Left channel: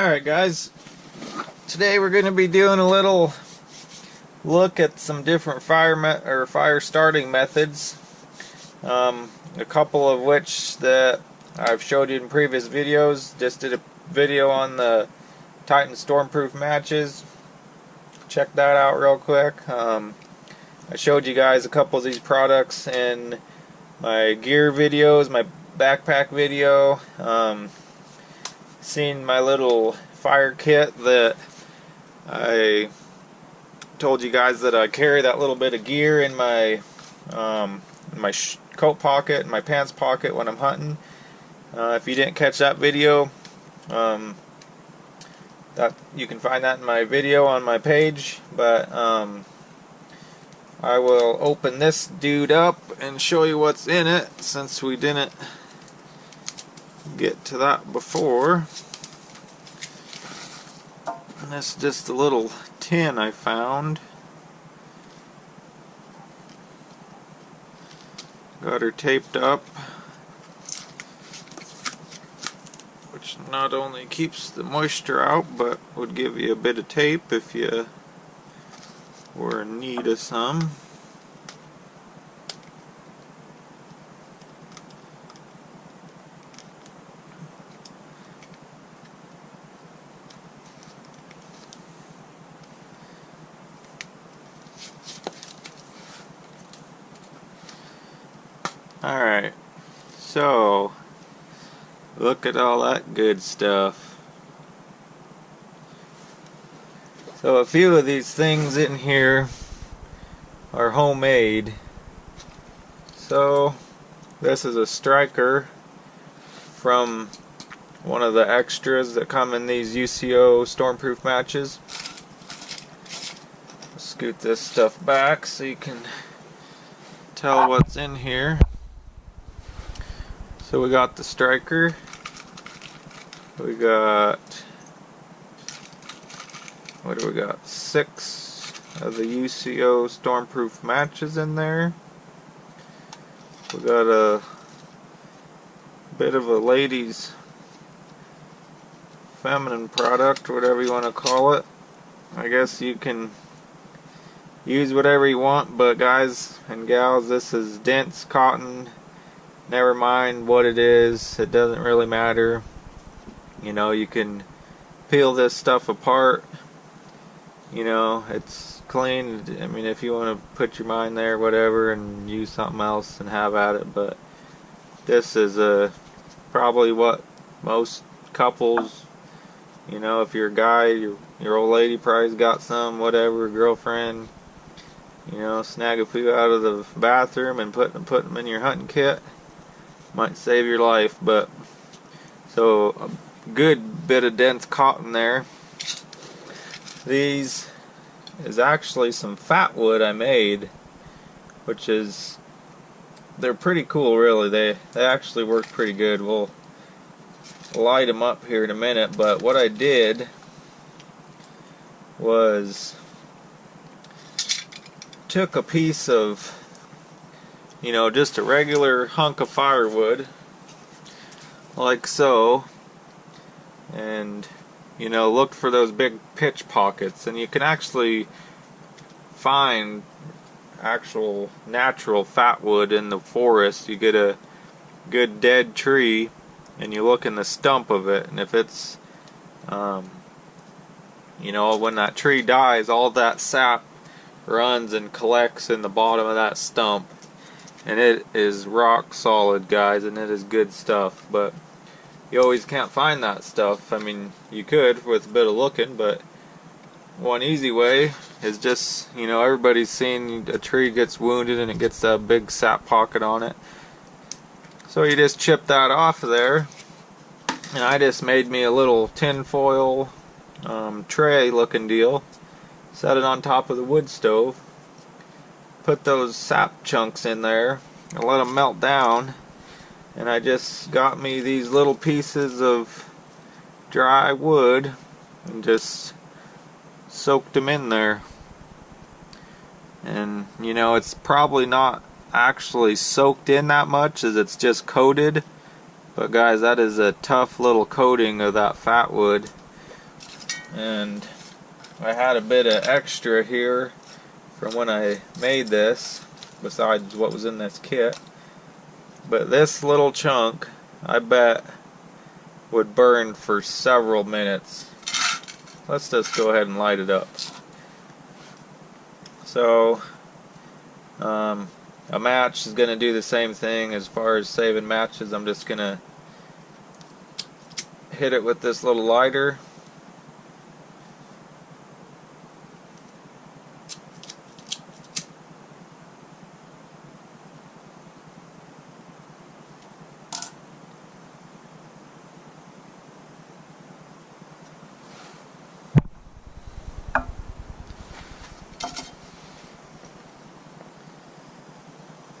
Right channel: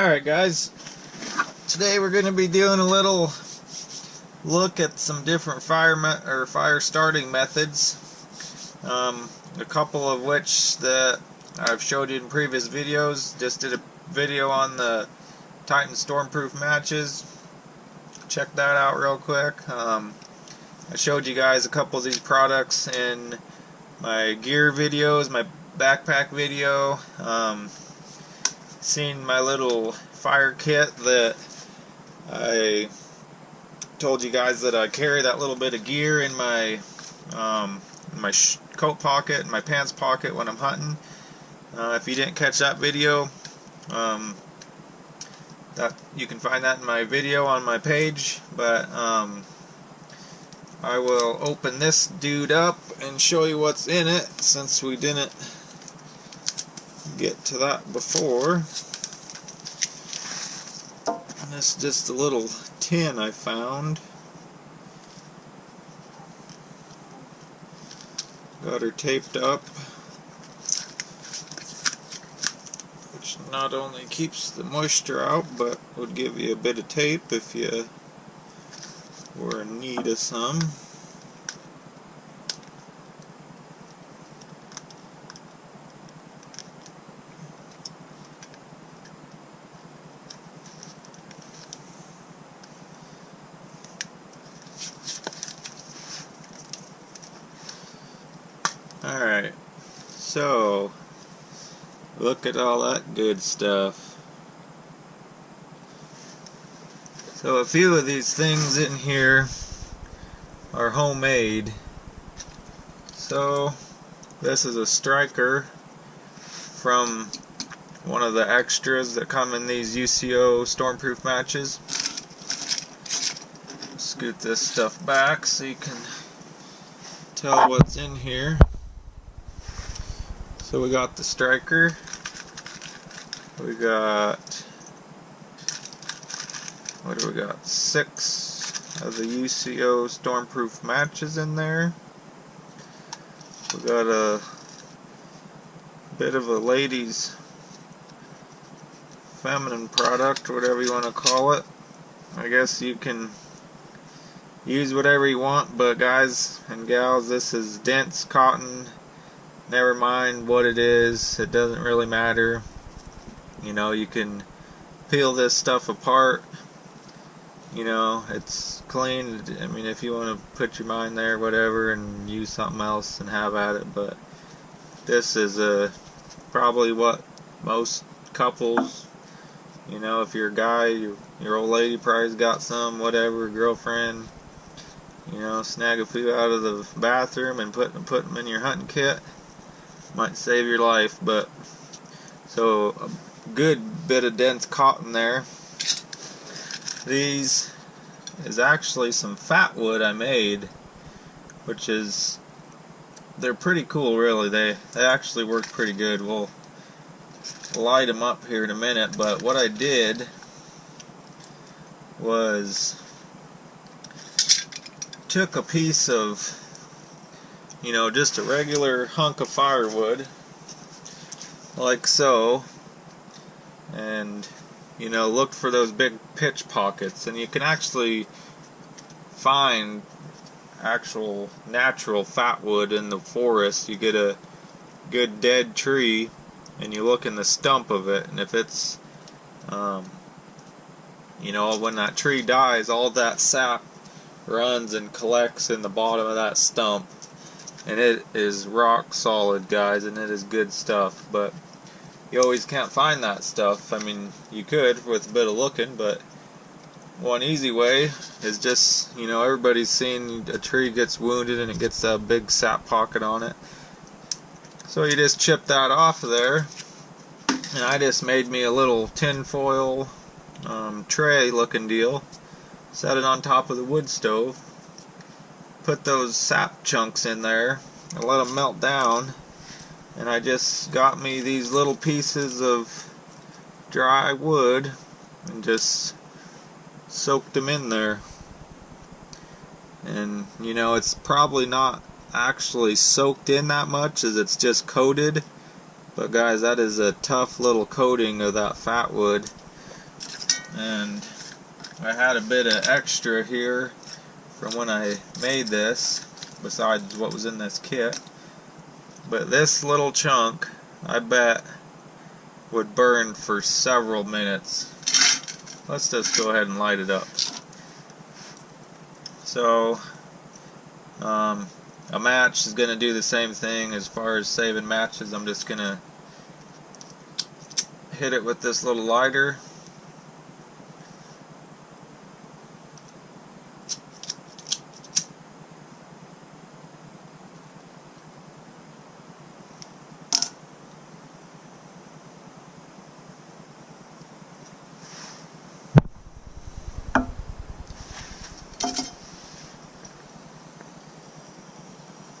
Alright guys, today we're going to be doing a little look at some different fire starting methods, a couple of which that I've showed you in previous videos. Just did a video on the Titan Stormproof matches. Check that out real quick. I showed you guys a couple of these products in my gear videos, my backpack video. Seen my little fire kit that I told you guys that I carry that little bit of gear in my coat pocket and my pants pocket when I'm hunting. If you didn't catch that video, that you can find that in my video on my page. But I will open this dude up and show you what's in it, since we didn't get to that before. And this is just a little tin I found. Got her taped up, which not only keeps the moisture out, but would give you a bit of tape if you were in need of some. Alright, so look at all that good stuff. So a few of these things in here are homemade. So this is a striker from one of the extras that come in these UCO Stormproof matches. Scoot this stuff back so you can tell what's in here. So we got the striker, we got, what do we got, 6 of the UCO Stormproof matches in there. We got a bit of a ladies' feminine product, whatever you want to call it. I guess you can use whatever you want, but guys and gals, this is dense cotton. Never mind what it is, it doesn't really matter. You know, you can peel this stuff apart. You know, it's clean. I mean, if you want to put your mind there, whatever, and use something else and have at it. But this is probably what most couples, you know, if you're a guy, your old lady probably's got some, whatever, girlfriend, you know, snag a few out of the bathroom and put them in your hunting kit. Might save your life. But so a good bit of dense cotton there. These is actually some fat wood I made, which is, they're pretty cool really. They actually work pretty good. We'll light them up here in a minute. But what I did was took a piece of, you know, just a regular hunk of firewood, like so, and, you know, looked for those big pitch pockets. And you can actually find actual natural fat wood in the forest. You get a good dead tree and you look in the stump of it, and if it's, you know, when that tree dies, all that sap runs and collects in the bottom of that stump. And it is rock solid, guys, and it is good stuff. But you always can't find that stuff. I mean, you could with a bit of looking, but one easy way is just, you know, everybody's seen a tree gets wounded and it gets a big sap pocket on it. So you just chip that off of there. And I just made me a little tin foil tray looking deal. Set it on top of the wood stove. Put those sap chunks in there and let them melt down. And I just got me these little pieces of dry wood and just soaked them in there. And you know, it's probably not actually soaked in that much, as it's just coated. But guys, that is a tough little coating of that fat wood. and I had a bit of extra here from when I made this, besides what was in this kit. But this little chunk, I bet, would burn for several minutes. Let's just go ahead and light it up. So, a match is going to do the same thing as far as saving matches. I'm just going to hit it with this little lighter.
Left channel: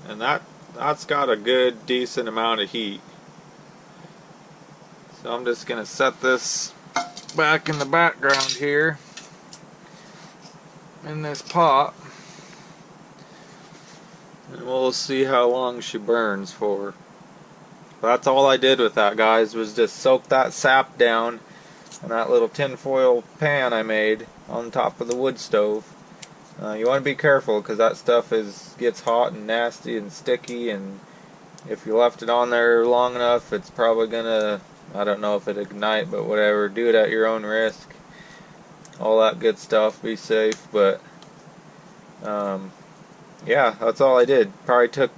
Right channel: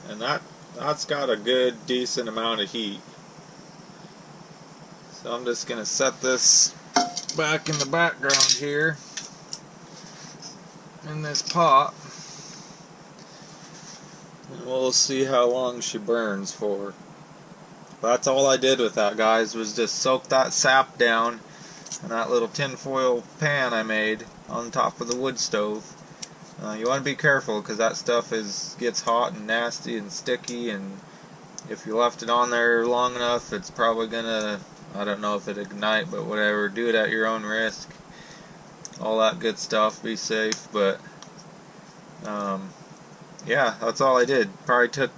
And that's got a good decent amount of heat. So I'm just going to set this back in the background here in this pot, and we'll see how long she burns for. That's all I did with that, guys, was just soak that sap down in that little tinfoil pan I made on top of the wood stove. You want to be careful because that stuff gets hot and nasty and sticky, and if you left it on there long enough, it's probably gonna, I don't know if it ignite, but whatever, do it at your own risk. All that good stuff, be safe. But yeah, that's all I did. Probably took,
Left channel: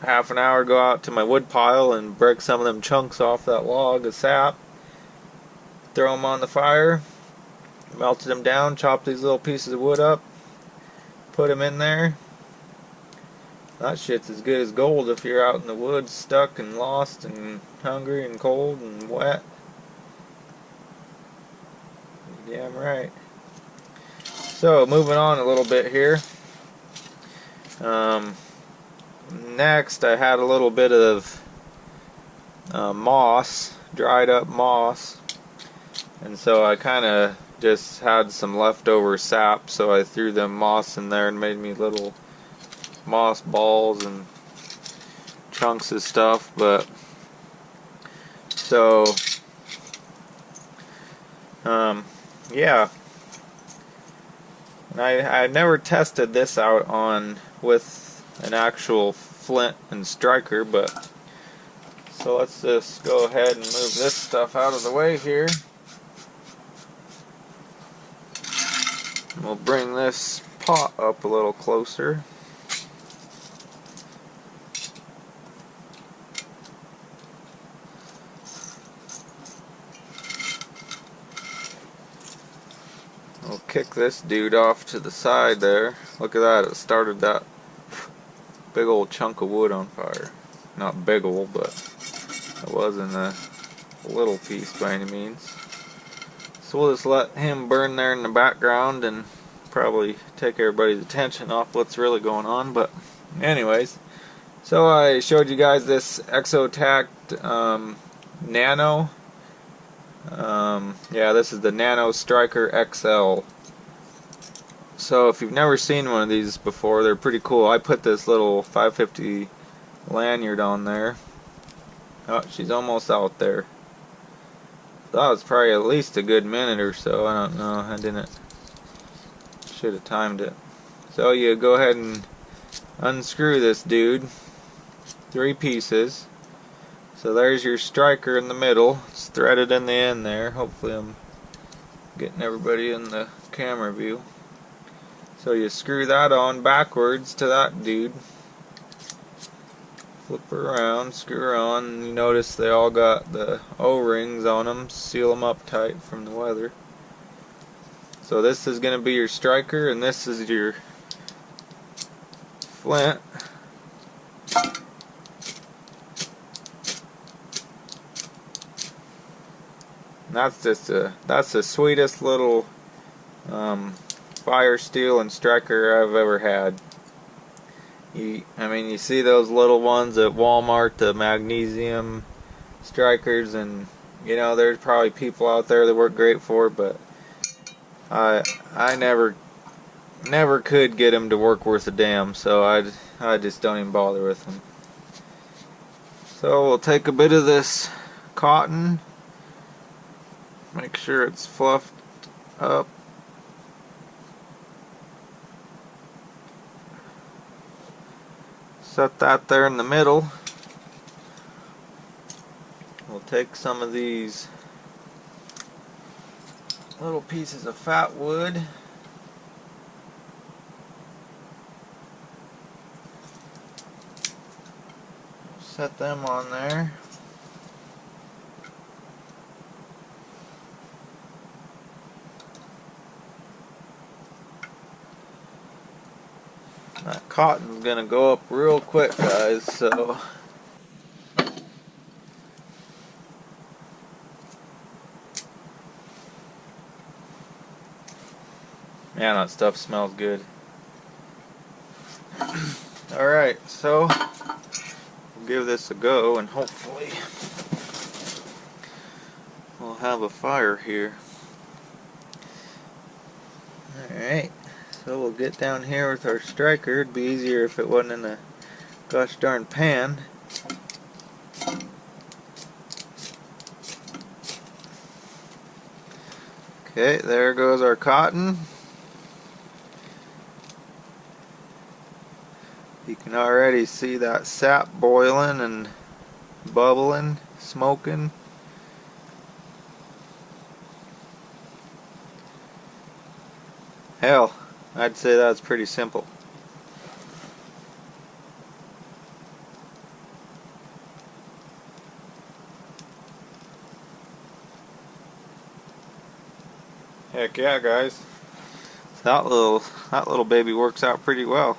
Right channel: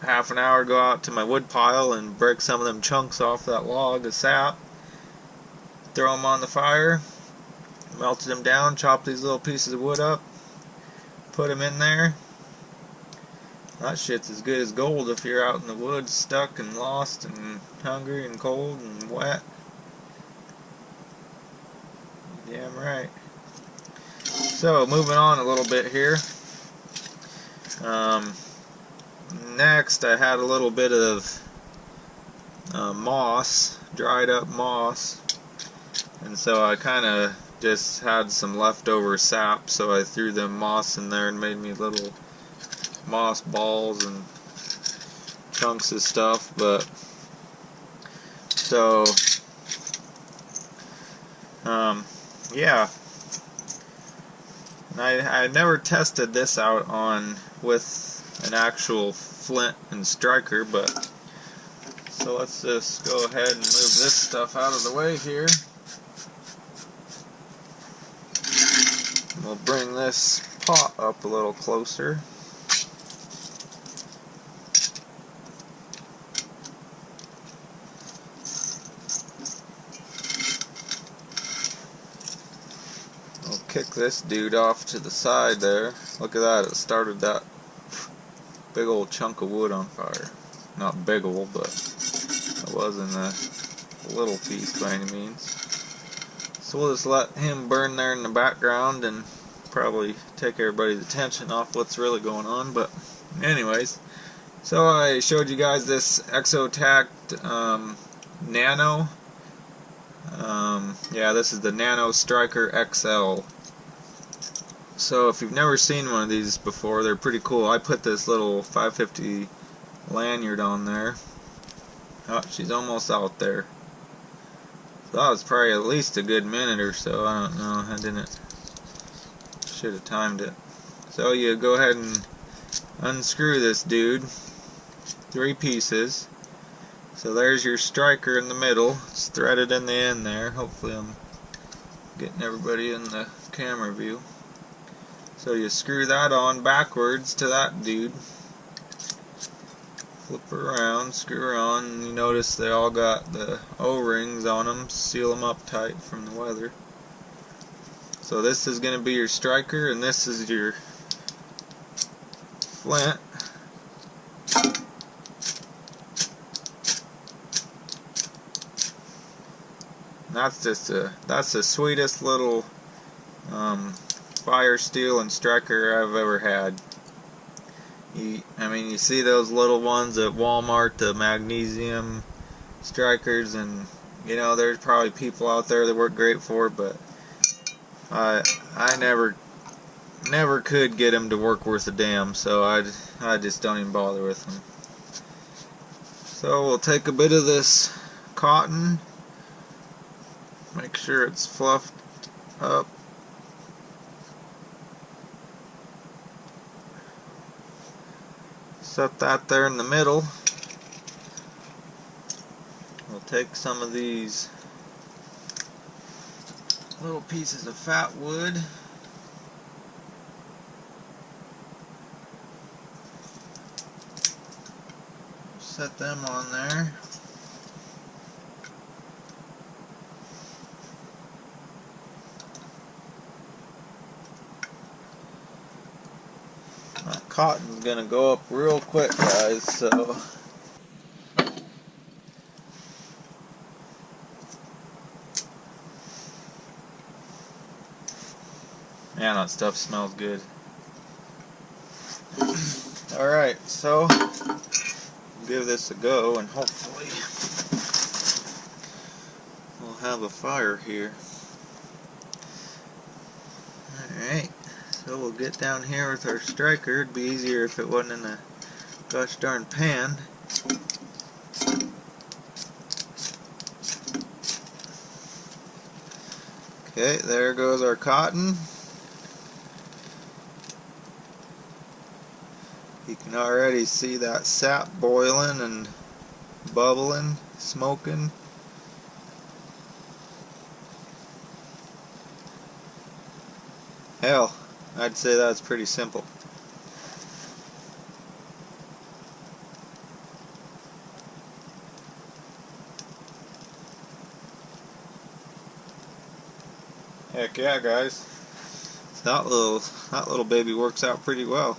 half an hour to go out to my wood pile and break some of them chunks off that log of sap, throw them on the fire, melted them down, chopped these little pieces of wood up, put them in there. That shit's as good as gold if you're out in the woods stuck and lost and hungry and cold and wet. You're damn right. So, moving on a little bit here. Next, I had a little bit of moss, dried up moss, and so I kind of just had some leftover sap, so I threw them moss in there and made me little moss balls and chunks of stuff. But so yeah, and I never tested this out with an actual flint and striker, but so let's just go ahead and move this stuff out of the way here. We'll bring this pot up a little closer. We'll kick this dude off to the side there. Look at that, it started that big old chunk of wood on fire. Not big old, but it wasn't a little piece by any means. So we'll just let him burn there in the background and probably take everybody's attention off what's really going on. But anyways, so I showed you guys this Exotac Nano. Yeah, this is the Nano Striker XL. So if you've never seen one of these before, they're pretty cool. I put this little 550 lanyard on there. Oh, she's almost out there. That was probably at least a good minute or so. I don't know. Should have timed it. So you go ahead and unscrew this dude. 3 pieces. So there's your striker in the middle. It's threaded in the end there. Hopefully I'm getting everybody in the camera view. So you screw that on backwards to that dude. Flip her around, screw her on, and you notice they all got the O-rings on them, seal them up tight from the weather. So this is going to be your striker, and this is your flint. And that's the sweetest little fire steel and striker I've ever had. I mean, you see those little ones at Walmart, the magnesium strikers, and there's probably people out there that work great for it, but I never could get them to work worth a damn, so I just don't even bother with them. So we'll take a bit of this cotton, Make sure it's fluffed up. Set that there in the middle. We'll take some of these little pieces of fat wood. We'll set them on there. That cotton's gonna go up real quick, guys, so man, that stuff smells good. Alright, so we'll give this a go and hopefully we'll have a fire here. Alright. So we'll get down here with our striker. It'd be easier if it wasn't in a gosh darn pan. Okay, there goes our cotton. You can already see that sap boiling and bubbling, smoking. Hell, I'd say that's pretty simple. Heck yeah, guys. That little baby works out pretty well.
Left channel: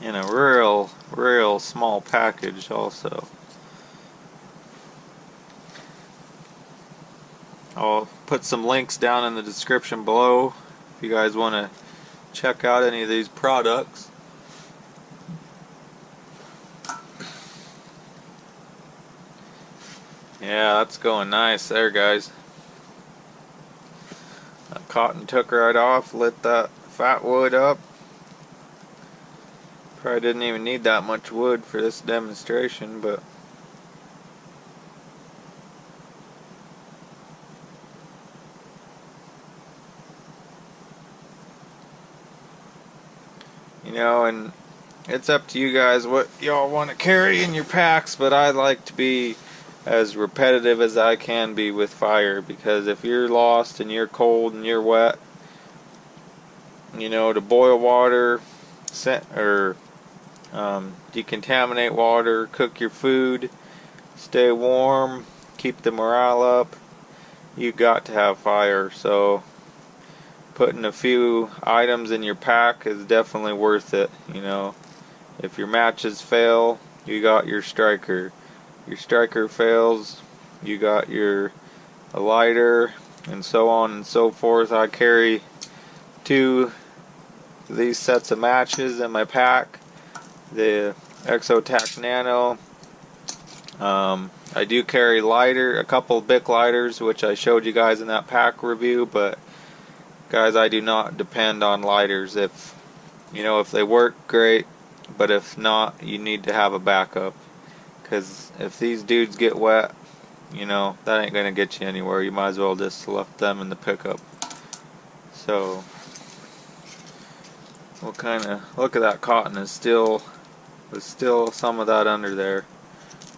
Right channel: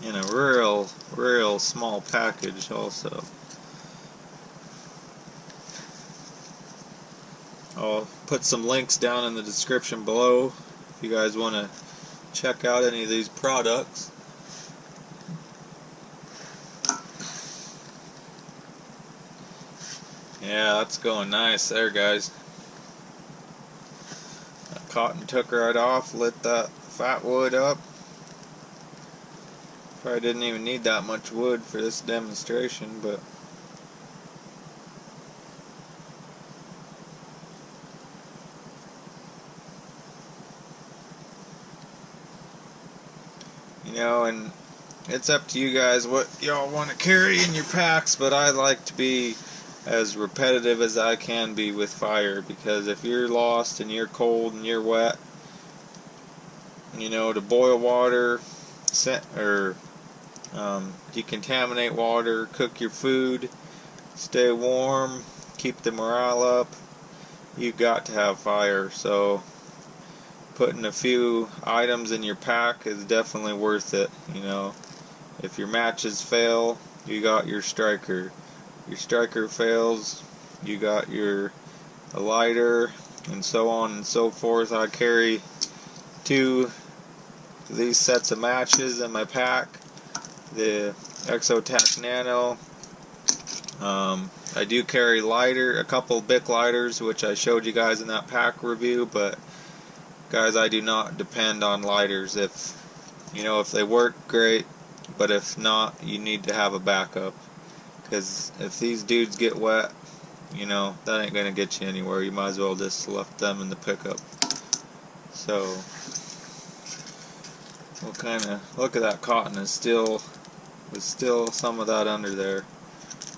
In a real small package also. I'll put some links down in the description below if you guys want to check out any of these products. Yeah, that's going nice there, guys. That cotton took right off, lit that fat wood up. Probably didn't even need that much wood for this demonstration, but you know, and it's up to you guys what y'all want to carry in your packs, but I like to be as repetitive as I can be with fire, because if you're lost and you're cold and you're wet, you know, to boil water, decontaminate water, cook your food, stay warm, keep the morale up, you got to have fire. So putting a few items in your pack is definitely worth it. You know, if your matches fail, you got your striker. Your striker fails, you got a lighter, and so on and so forth. I carry 2 of these sets of matches in my pack. The Exotac Nano. I do carry a couple Bic lighters, which I showed you guys in that pack review, but guys, I do not depend on lighters. If they work, great, but if not, you need to have a backup. Because if these dudes get wet, that ain't going to get you anywhere. You might as well just left them in the pickup. So, we'll kind of look at that cotton. There's still some of that under there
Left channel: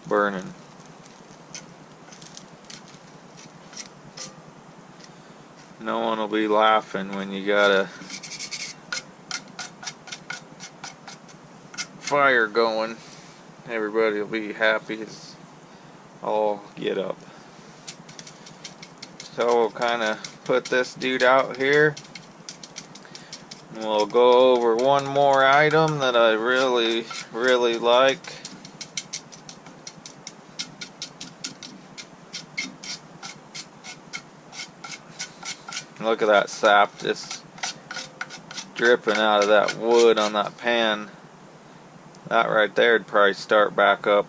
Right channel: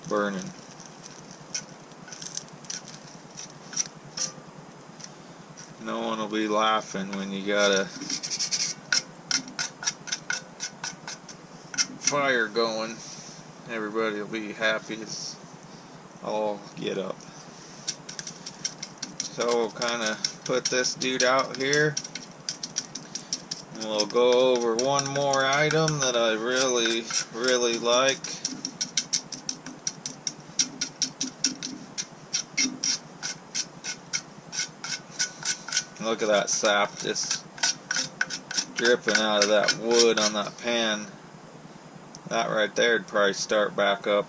burning. No one will be laughing when you got a fire going. Everybody will be happy as all get up. So we'll kind of put this dude out here. And we'll go over one more item that I really, really like. Look at that sap just dripping out of that wood on that pan. That right there would probably start back up.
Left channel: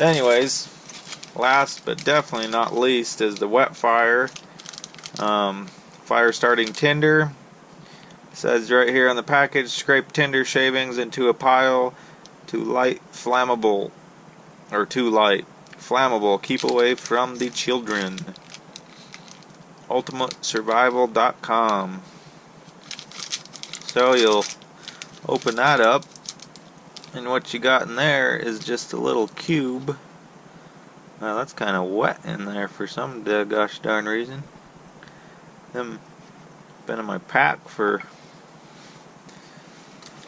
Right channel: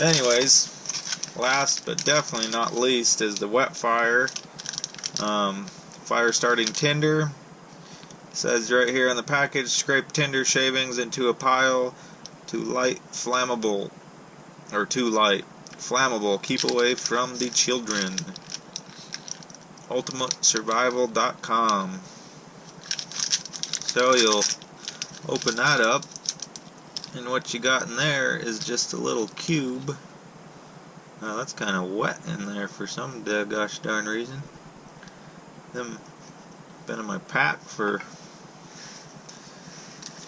Anyways, last but definitely not least is the wet fire. Fire starting tinder. It says right here on the package, scrape tinder shavings into a pile to light flammable or too light. Flammable. Keep away from the children. UltimateSurvival.com. So you'll open that up, and what you got in there is just a little cube. Now that's kind of wet in there for some gosh darn reason. Them been in my pack for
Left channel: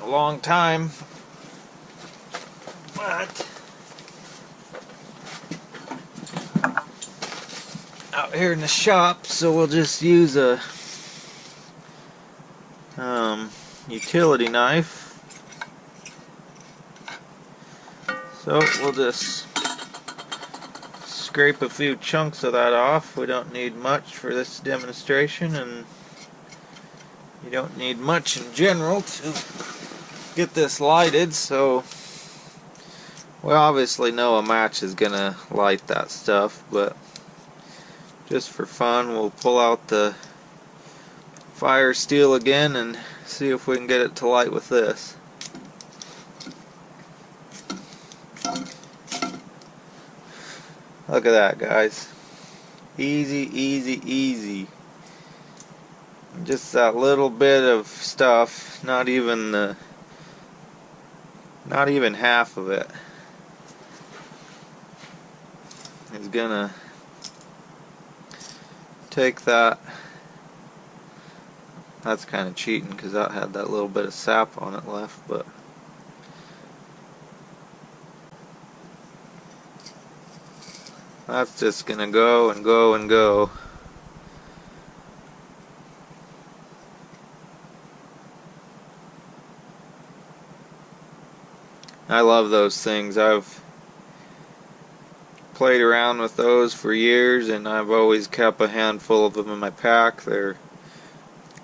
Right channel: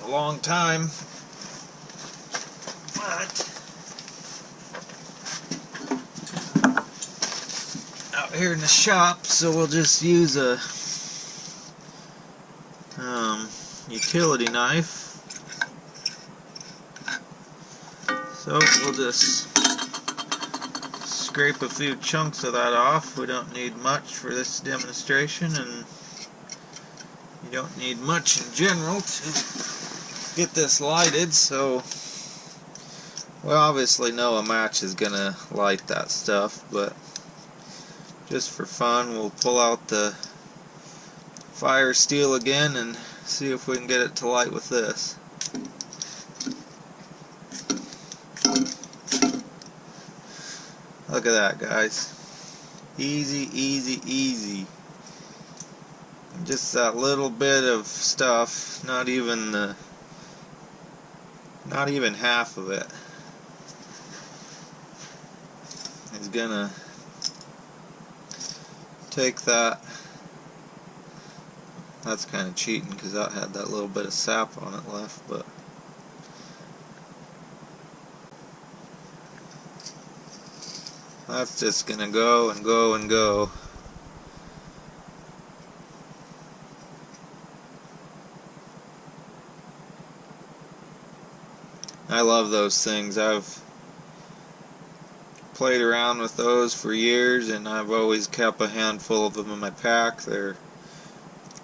a long time, but out here in the shop, so we'll just use a utility knife. So we'll just scrape a few chunks of that off. We don't need much for this demonstration, and you don't need much in general to get this lighted, so we obviously know a match is gonna light that stuff, but just for fun we'll pull out the fire steel again and see if we can get it to light with this. Look at that, guys. Easy, easy, easy. Just that little bit of stuff, not even half of it is gonna take that. That's kind of cheating because that had that little bit of sap on it left, but that's just gonna go and go and go. I love those things. I've played around with those for years, and I've always kept a handful of them in my pack. They're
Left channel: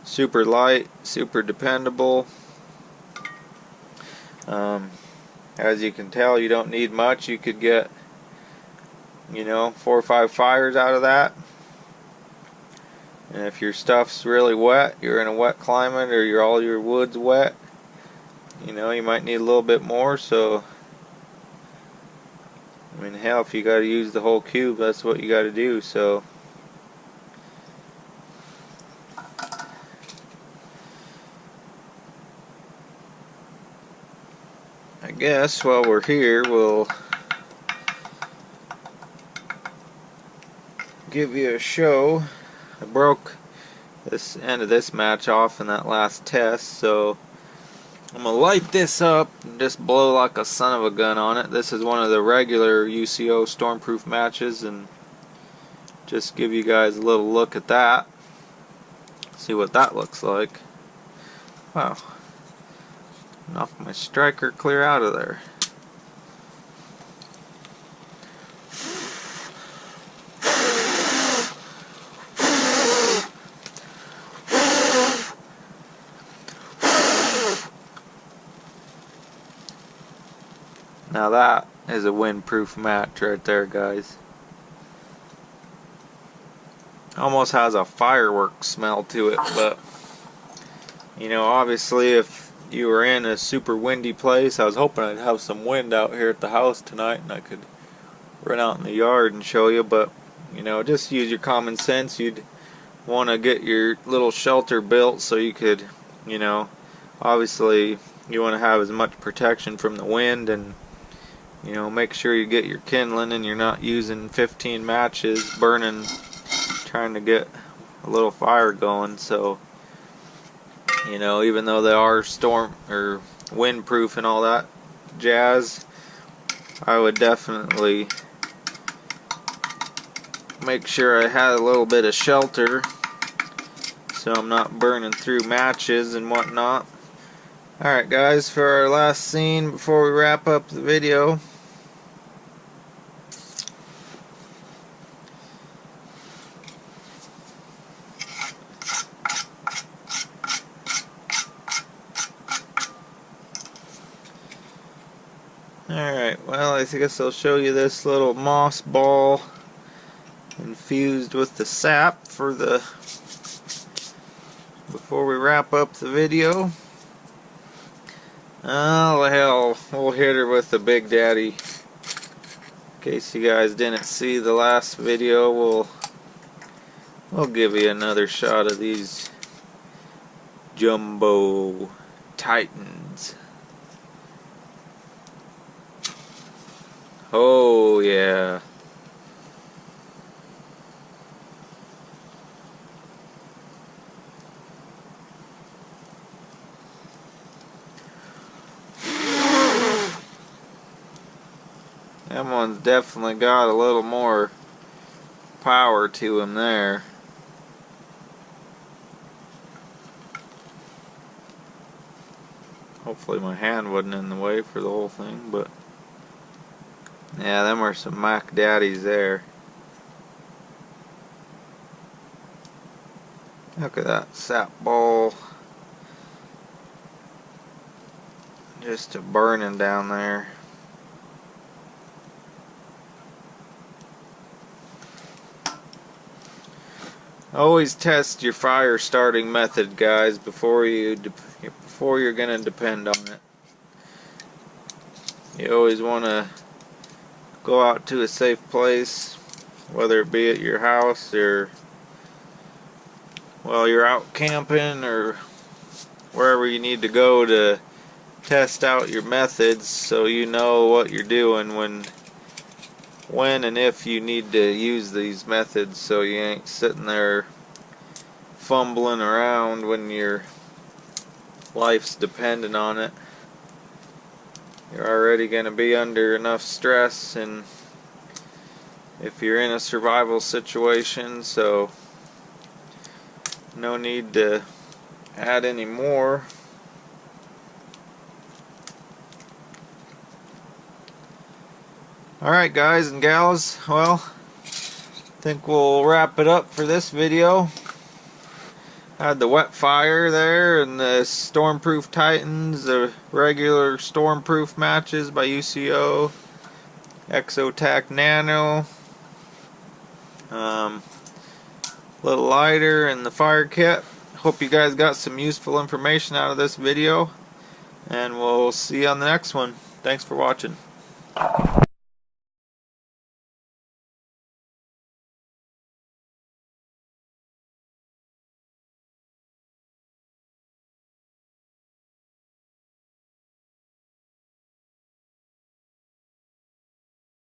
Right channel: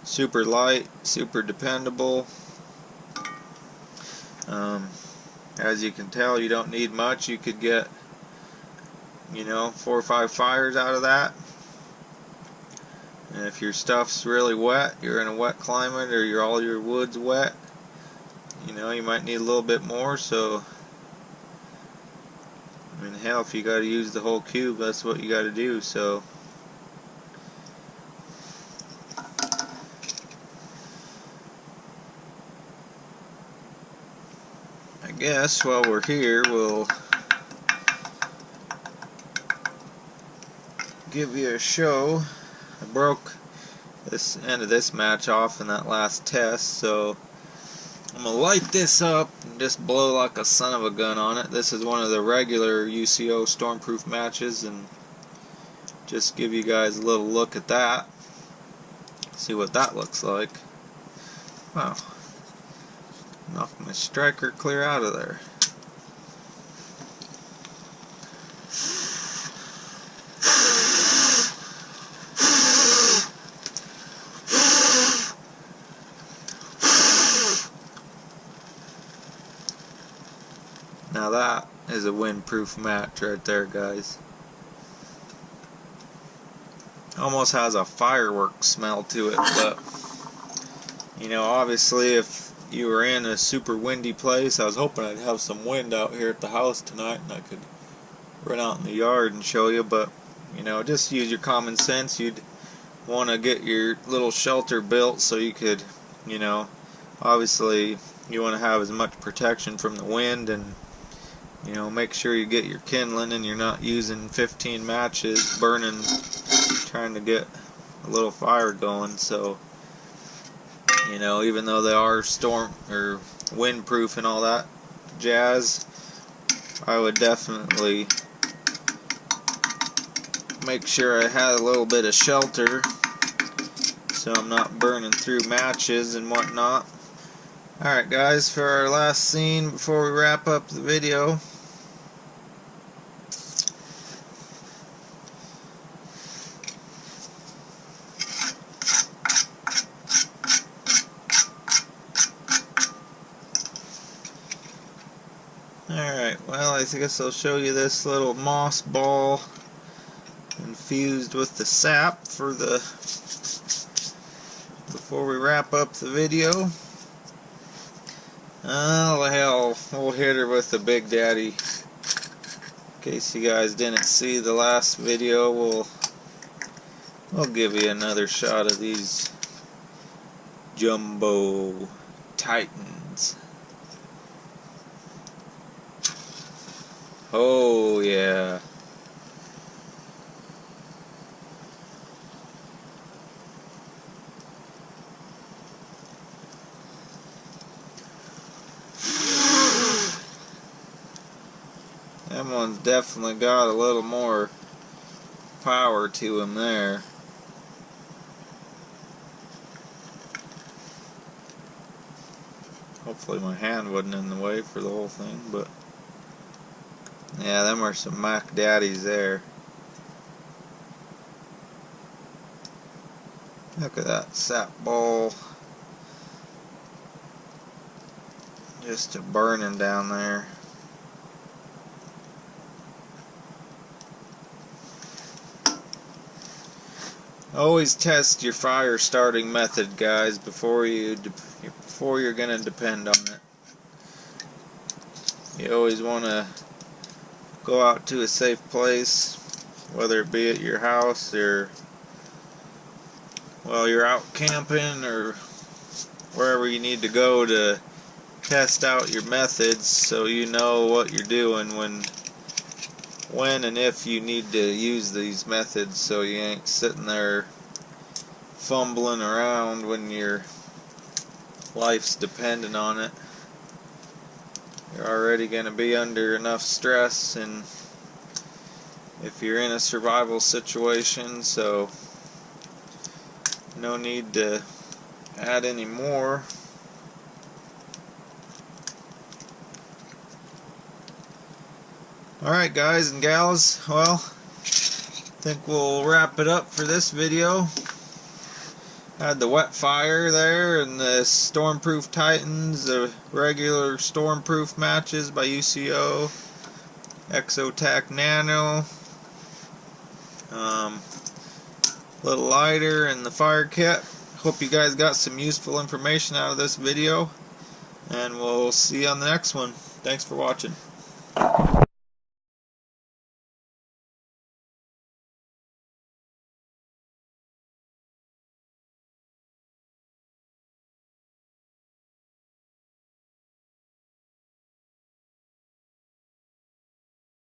super light, super dependable. As you can tell, you don't need much. You could get, 4 or 5 fires out of that. And if your stuff's really wet, you're in a wet climate, or all your wood's wet, you might need a little bit more. So hell, if you got to use the whole cube, that's what you got to do. So I guess while we're here, we'll give you a show. I broke this end of this match off in that last test, so I'm going to light this up and just blow like a son of a gun on it. This is one of the regular UCO Stormproof matches, and just give you guys a little look at that. See what that looks like. Wow. Knocked my striker clear out of there. Now that is a windproof match right there, guys. Almost has a fireworks smell to it, but obviously if you were in a super windy place, I was hoping I'd have some wind out here at the house tonight and I could run out in the yard and show you, but just use your common sense. You'd want to get your little shelter built so you could, obviously you want to have as much protection from the wind, and make sure you get your kindling and you're not using 15 matches burning trying to get a little fire going. So even though they are storm or windproof and all that jazz, I would definitely make sure I had a little bit of shelter so I'm not burning through matches and whatnot. Alright guys, for our last scene before we wrap up the video, alright, well, I guess I'll show you this little moss ball infused with the sap before we wrap up the video. Oh hell, we'll hit her with the Big Daddy In case you guys didn't see the last video, we'll give you another shot of these Jumbo Titans. Oh yeah. That one's definitely got a little more power to him there. Hopefully my hand wasn't in the way for the whole thing, but yeah, them are some Mac Daddies there. Look at that sap ball. Just a burning down there. Always test your fire starting method, guys, before you're gonna depend on it. You always want to go out to a safe place, whether it be at your house or while you're out camping or wherever you need to go to test out your methods, so you know what you're doing when and if you need to use these methods, so you ain't sitting there fumbling around when your life's dependent on it. You're already going to be under enough stress, and if you're in a survival situation, so no need to add any more. Alright guys and gals, well, I think we'll wrap it up for this video. Had the wet fire there and the Stormproof Titans, the regular Stormproof matches by UCO, Exotac Nano, little lighter and the fire kit. Hope you guys got some useful information out of this video, and we'll see you on the next one. Thanks for watching.